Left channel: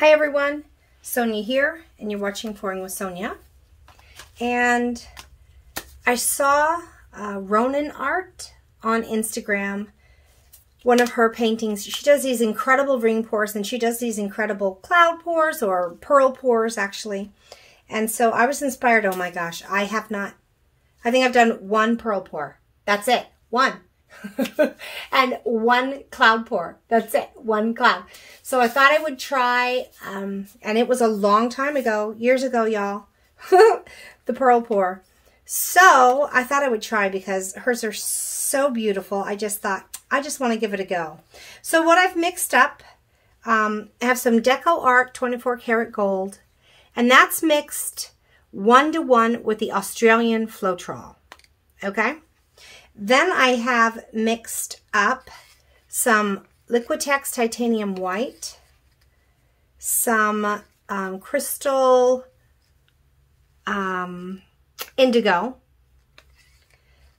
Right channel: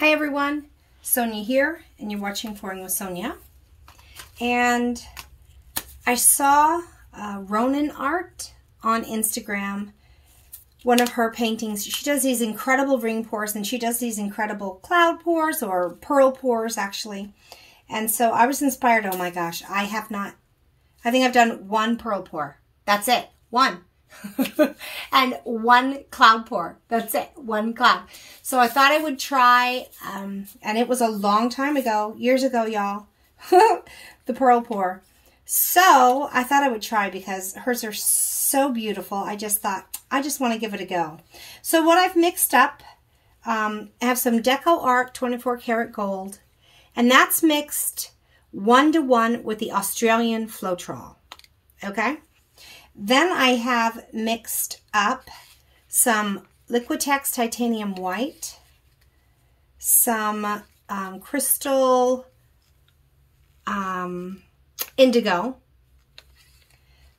Hi everyone, Sonia here, and you're watching Pouring with Sonia. And I saw Ronan Art on Instagram, one of her paintings. She does these incredible ring pours, and she does these incredible cloud pours, or pearl pours actually. And so I was inspired. Oh my gosh, I think I've done one pearl pour. That's it, one. And one cloud pour. That's it, one cloud. So I thought I would try, and it was a long time ago, years ago, y'all, the pearl pour. So I thought I would try because hers are so beautiful. I just thought, I just want to give it a go. So what I've mixed up, I have some Deco Art 24 karat gold, and that's mixed 1-to-1 with the Australian Floetrol. Okay? Then I have mixed up some Liquitex Titanium White, some Crystal Indigo,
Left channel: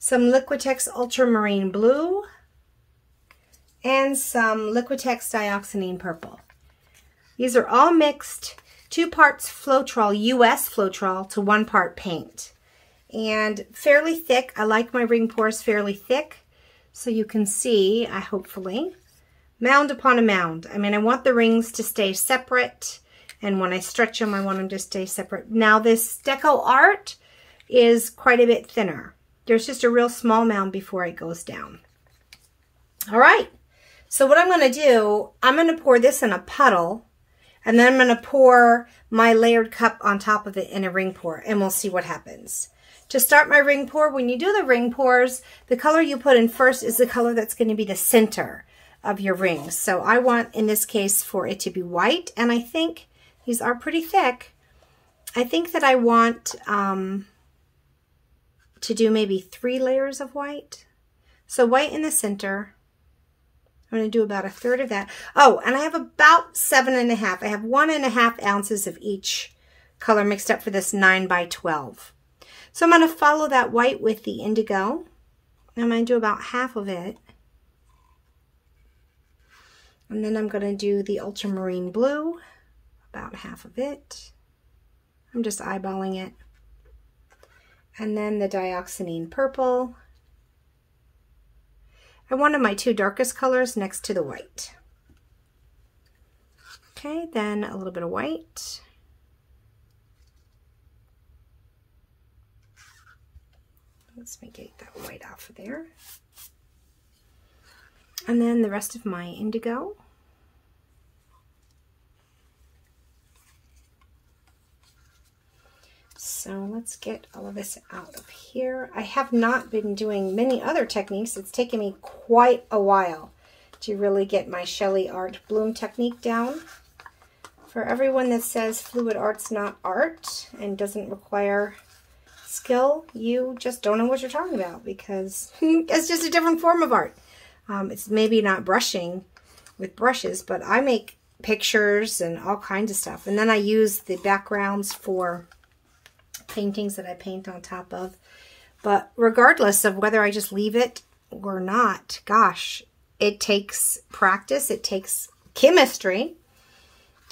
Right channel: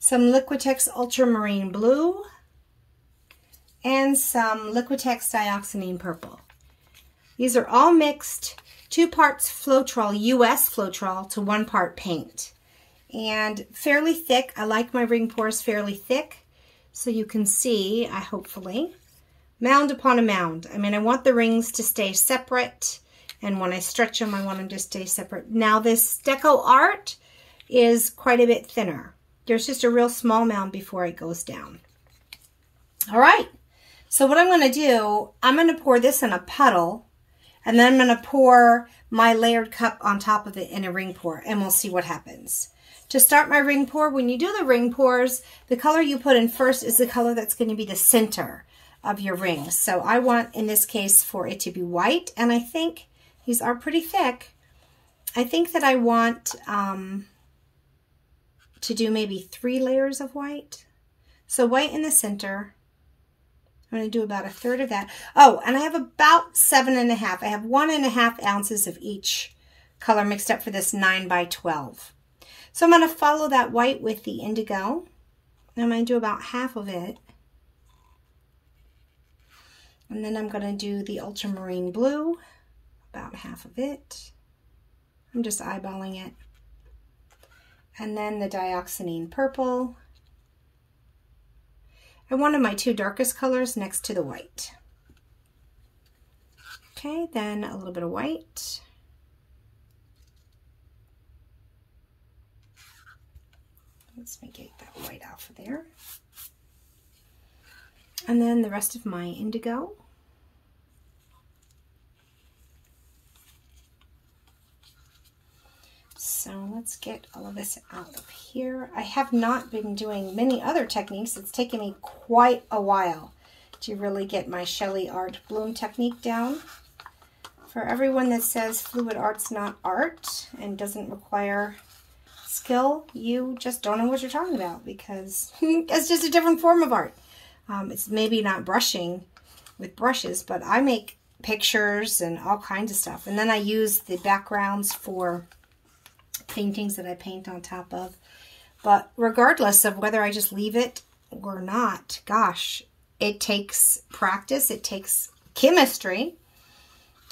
some Liquitex Ultramarine Blue, and some Liquitex Dioxazine Purple. These are all mixed, 2 parts Floetrol, US Floetrol, to 1 part paint. And fairly thick. I like my ring pours fairly thick, so you can see, hopefully, mound upon a mound. I mean, I want the rings to stay separate, and when I stretch them, I want them to stay separate. Now, this Deco Art is quite a bit thinner. There's just a real small mound before it goes down. All right, so what I'm going to do, I'm going to pour this in a puddle, and then I'm going to pour my layered cup on top of it in a ring pour, and we'll see what happens. To start my ring pour, when you do the ring pours, the color you put in first is the color that's going to be the center of your rings. So I want, in this case, for it to be white, and I think these are pretty thick. I think that I want to do maybe 3 layers of white. So white in the center. I'm going to do about 1/3 of that. Oh, and I have about 7.5. I have 1.5 ounces of each color mixed up for this 9 by 12. So I'm going to follow that white with the indigo. I'm going to do about half of it. And then I'm going to do the ultramarine blue, about half of it. I'm just eyeballing it. And then the dioxazine purple. And one of my 2 darkest colors next to the white. Okay, then a little bit of white. Let's make that white off of there. And then the rest of my indigo. So let's get all of this out of here. I have not been doing many other techniques. It's taken me quite a while to really get my Shelley Art Bloom technique down. For everyone that says fluid art's not art and doesn't require skill, you just don't know what you're talking about, because it's just a different form of art. It's maybe not brushing with brushes, but I make pictures and all kinds of stuff, and then I use the backgrounds for paintings that I paint on top of. But regardless of whether I just leave it or not, gosh, it takes practice, it takes chemistry.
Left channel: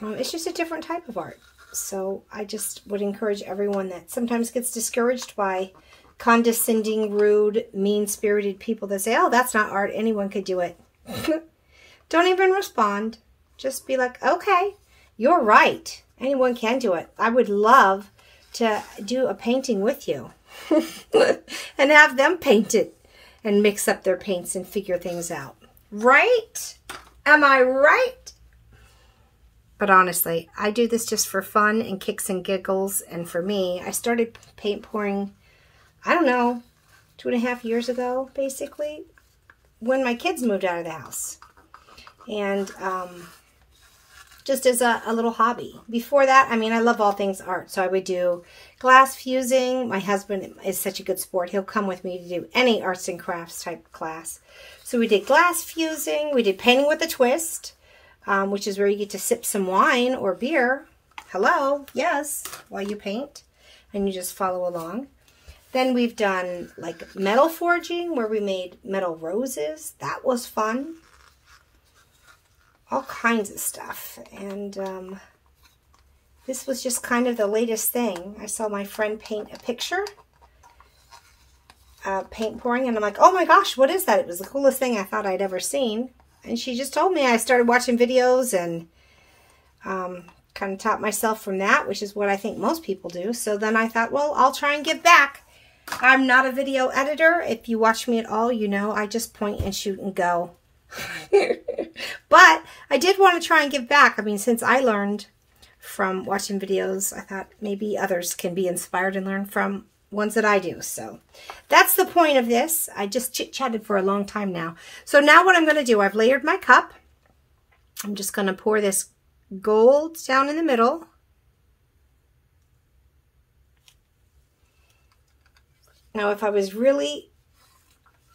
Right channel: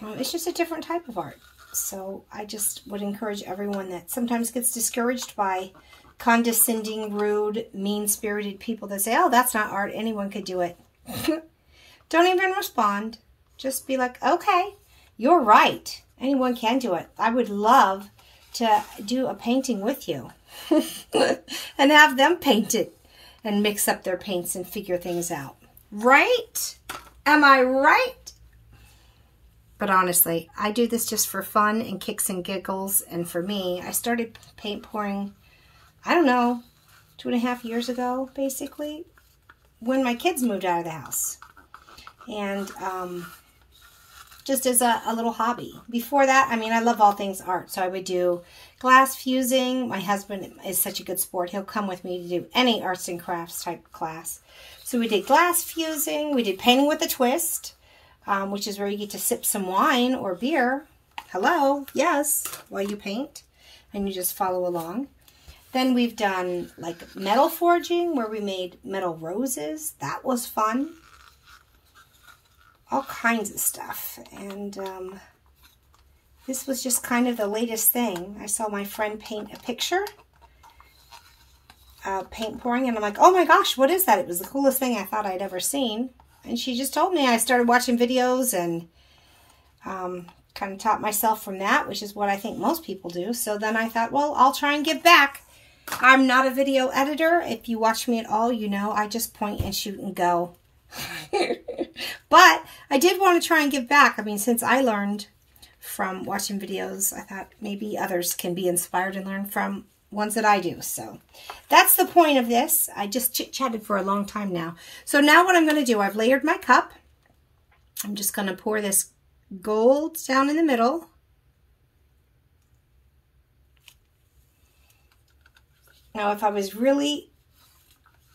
It's just a different type of art. So I just would encourage everyone that sometimes gets discouraged by condescending, rude, mean-spirited people that say, oh, that's not art, anyone could do it. Don't even respond. Just be like, okay, you're right. Anyone can do it. I would love to do a painting with you and have them paint it and mix up their paints and figure things out. Right? Am I right? But honestly, I do this just for fun and kicks and giggles. And for me, I started paint pouring, I don't know, 2.5 years ago, basically, when my kids moved out of the house. And just as a little hobby. Before that, I mean, I love all things art. So I would do glass fusing. My husband is such a good sport. He'll come with me to do any arts and crafts type class. So we did glass fusing. We did painting with a twist. Which is where you get to sip some wine or beer. Hello, yes, while you paint. And you just follow along. Then we've done like metal forging, where we made metal roses. That was fun. all kinds of stuff. And this was just kind of the latest thing. I saw my friend paint a picture, paint pouring, and I'm like, oh my gosh, what is that? It was the coolest thing I thought I'd ever seen. And she just told me. I started watching videos and kind of taught myself from that, which is what I think most people do. So then I thought, well, I'll try and give back. I'm not a video editor. If you watch me at all, you know I just point and shoot and go. But I did want to try and give back. I mean, since I learned from watching videos, I thought maybe others can be inspired and learn from ones that I do. So that's the point of this. I just chit-chatted for a long time now. So now what I'm going to do, I've layered my cup. I'm just going to pour this gold down in the middle. Now, if I was really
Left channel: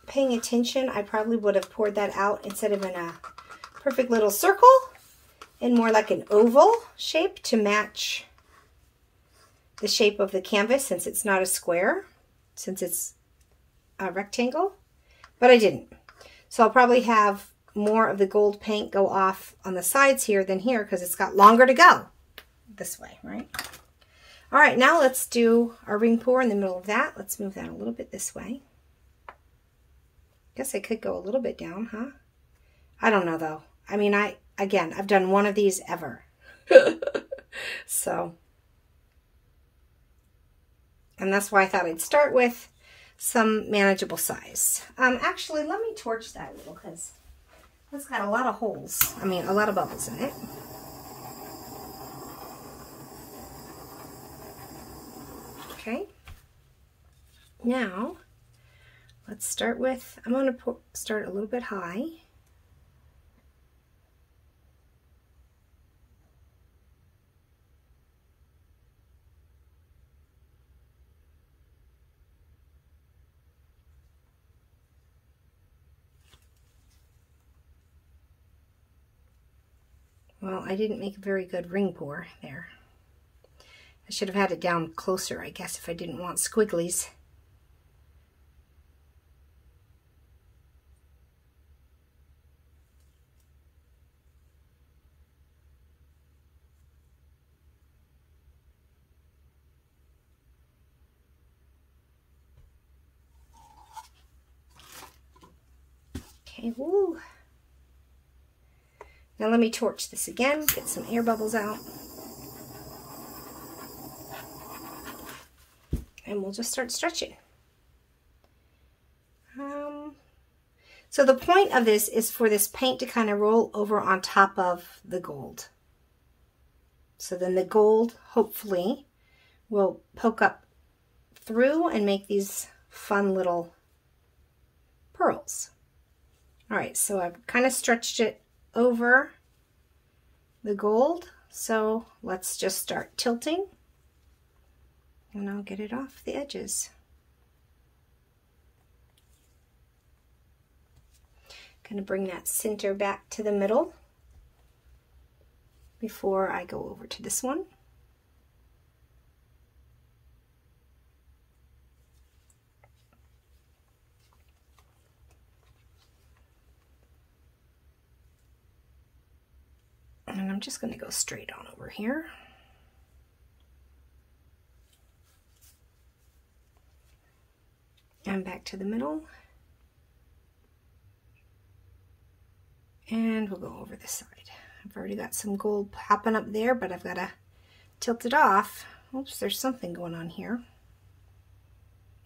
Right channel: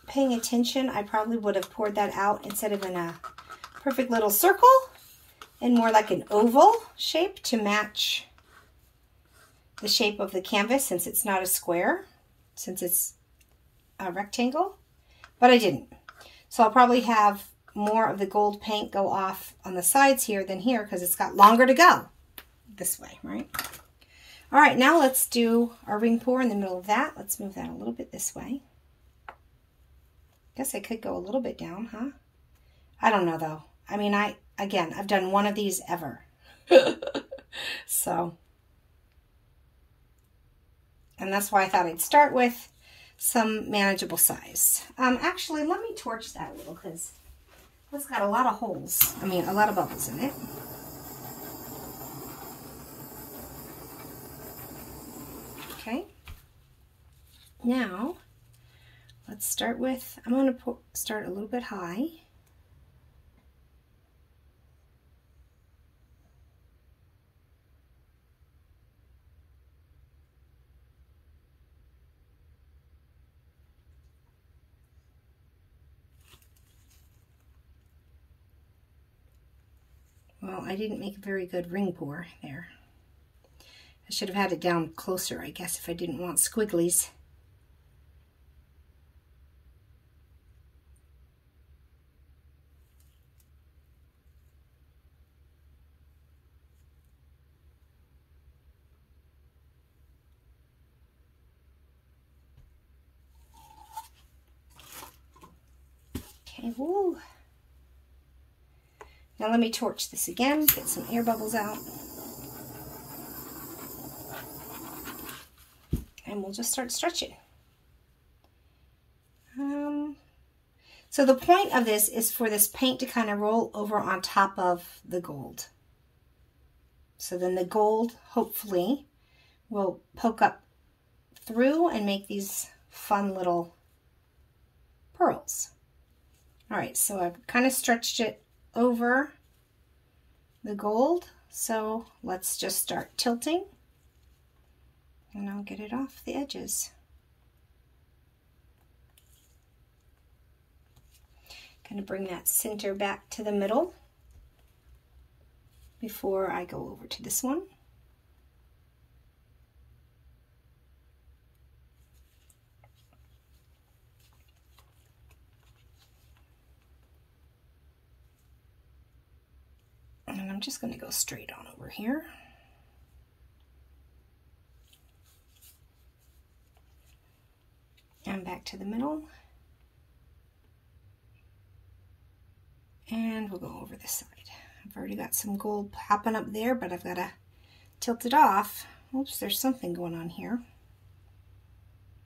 paying attention, I probably would have poured that out instead of in a perfect little circle and more like an oval shape to match the shape of the canvas, since it's not a square, since it's a rectangle, but I didn't. So I'll probably have more of the gold paint go off on the sides here than here because it's got longer to go this way, right? All right, now let's do our ring pour in the middle of that. Let's move that a little bit this way. Guess I could go a little bit down, huh? I don't know though. I mean, again, I've done one of these ever. So, and that's why I thought I'd start with some manageable size. Actually, let me torch that a little because it's got a lot of holes. I mean, a lot of bubbles in it. Okay. Now, let's start with, I'm going to start a little bit high. Well, I didn't make a very good ring pour there. I should have had it down closer, I guess, if I didn't want squigglies. Okay, woo. Now let me torch this again, get some air bubbles out. And we'll just start stretching. So the point of this is for this paint to kind of roll over on top of the gold. So then the gold, hopefully, will poke up through and make these fun little pearls. All right, so I've kind of stretched it over the gold. So let's just start tilting. And I'll get it off the edges. Going to bring that center back to the middle before I go over to this one. And I'm just going to go straight on over here. And back to the middle. And we'll go over this side. I've already got some gold popping up there, but I've got to tilt it off. Oops, there's something going on here.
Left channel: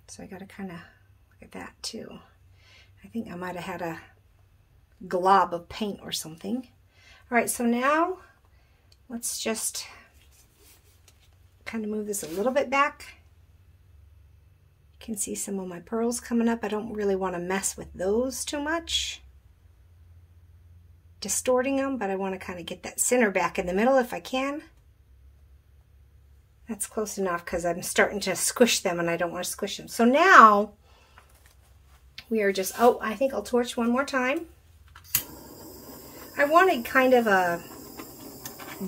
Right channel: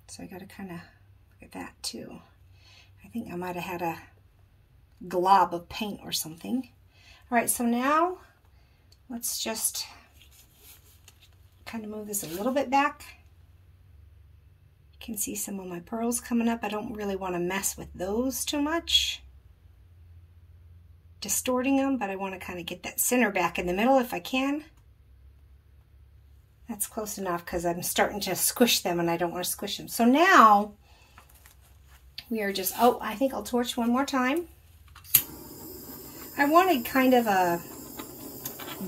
So I got to kind of look at that too. I think I might have had a glob of paint or something. All right, so now let's just kind of move this a little bit back. You can see some of my pearls coming up. I don't really want to mess with those too much, distorting them, but I want to kind of get that center back in the middle if I can. That's close enough because I'm starting to squish them and I don't want to squish them. So now we are just, oh, I think I'll torch one more time. I wanted kind of a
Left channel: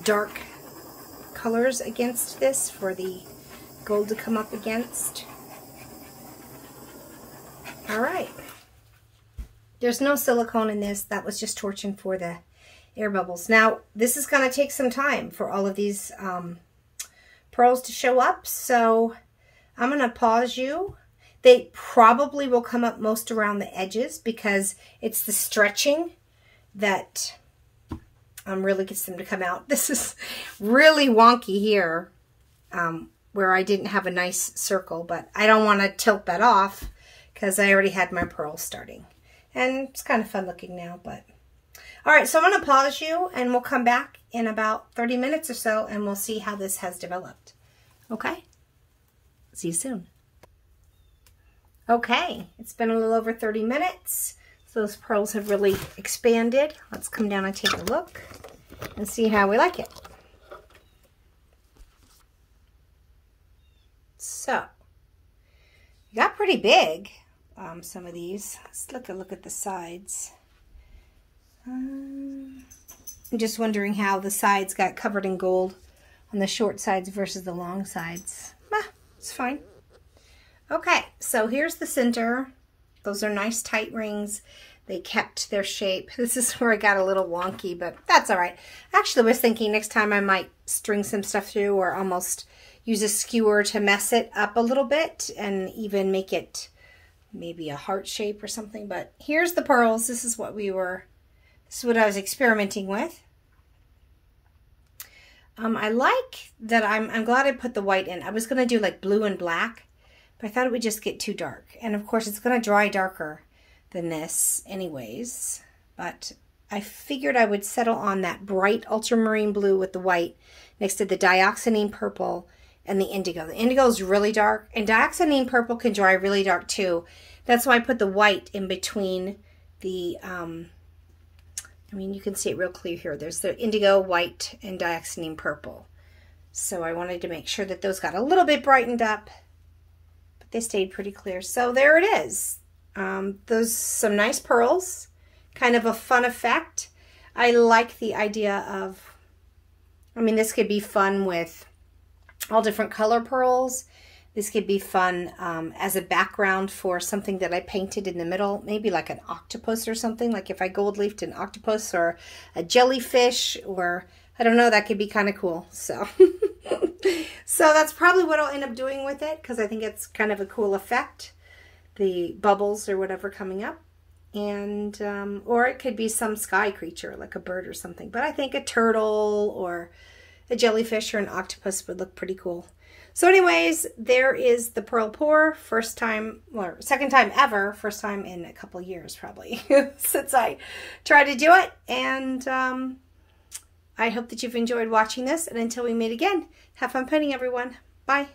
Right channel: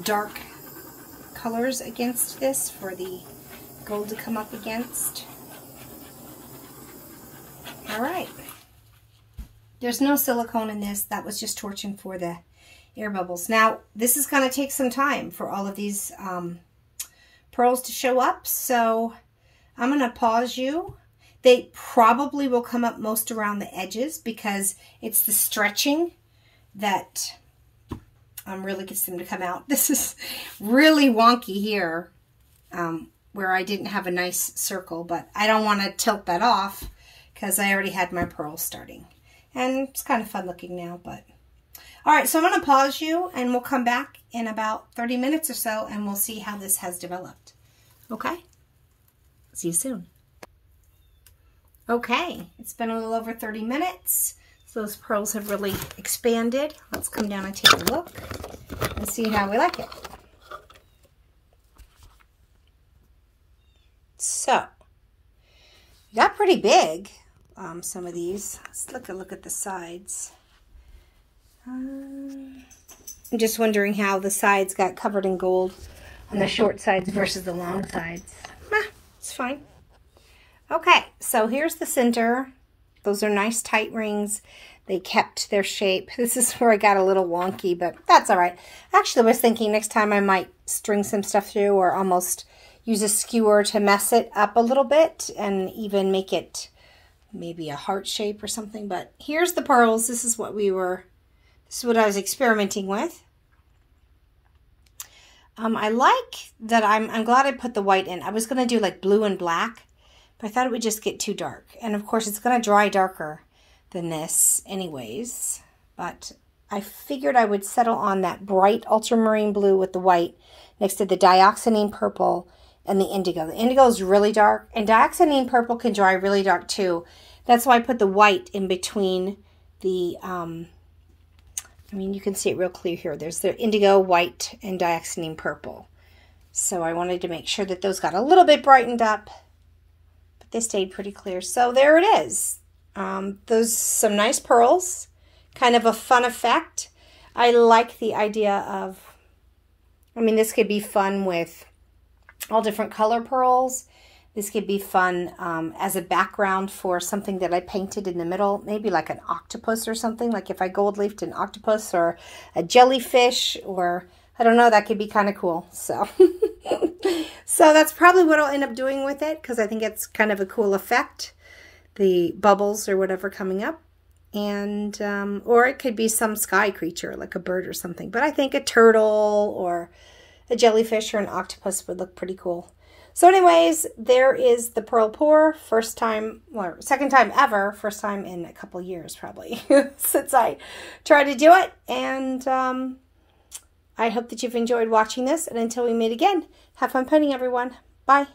dark colors against this for the gold to come up against. All right. There's no silicone in this. That was just torching for the air bubbles. Now, this is going to take some time for all of these pearls to show up, so I'm going to pause you. They probably will come up most around the edges because it's the stretching that really gets them to come out. This is really wonky here where I didn't have a nice circle, but I don't want to tilt that off because I already had my pearls starting. And it's kind of fun looking now, but... All right, so I'm going to pause you, and we'll come back in about 30 minutes or so, and we'll see how this has developed. Okay? See you soon. Okay, it's been a little over 30 minutes. So those pearls have really expanded. Let's come down and take a look and see how we like it. So, got pretty big, some of these. Let's look at the sides. I'm just wondering how the sides got covered in gold on the short sides versus the long sides. It's fine. Okay, so here's the center. Those are nice tight rings. They kept their shape. This is where I got a little wonky, but that's all right. Actually, I was thinking next time I might string some stuff through or almost use a skewer to mess it up a little bit and even make it maybe a heart shape or something. But here's the pearls. This is what I was experimenting with. I like that I'm glad I put the white in. I was going to do like blue and black, but I thought it would just get too dark. And of course, it's going to dry darker than this anyways. But I figured I would settle on that bright ultramarine blue with the white next to the dioxazine purple and the indigo. The indigo is really dark, and dioxazine purple can dry really dark too. That's why I put the white in between the... I mean, you can see it real clear here. There's the indigo, white, and dioxazine purple. So I wanted to make sure that those got a little bit brightened up, but they stayed pretty clear. So there it is. Those some nice pearls, kind of a fun effect. I like the idea of, I mean, this could be fun with all different color pearls. This could be fun as a background for something that I painted in the middle, maybe like an octopus or something, like if I gold leafed an octopus or a jellyfish, or I don't know, that could be kind of cool. So, so that's probably what I'll end up doing with it, because I think it's kind of a cool effect, the bubbles or whatever coming up. And, or it could be some sky creature, like a bird or something. But I think a turtle or a jellyfish or an octopus would look pretty cool. So anyways, there is the pearl pour. First time, or second time ever, first time in a couple years probably since I tried to do it. And I hope that you've enjoyed watching this. And until we meet again, have fun painting, everyone. Bye.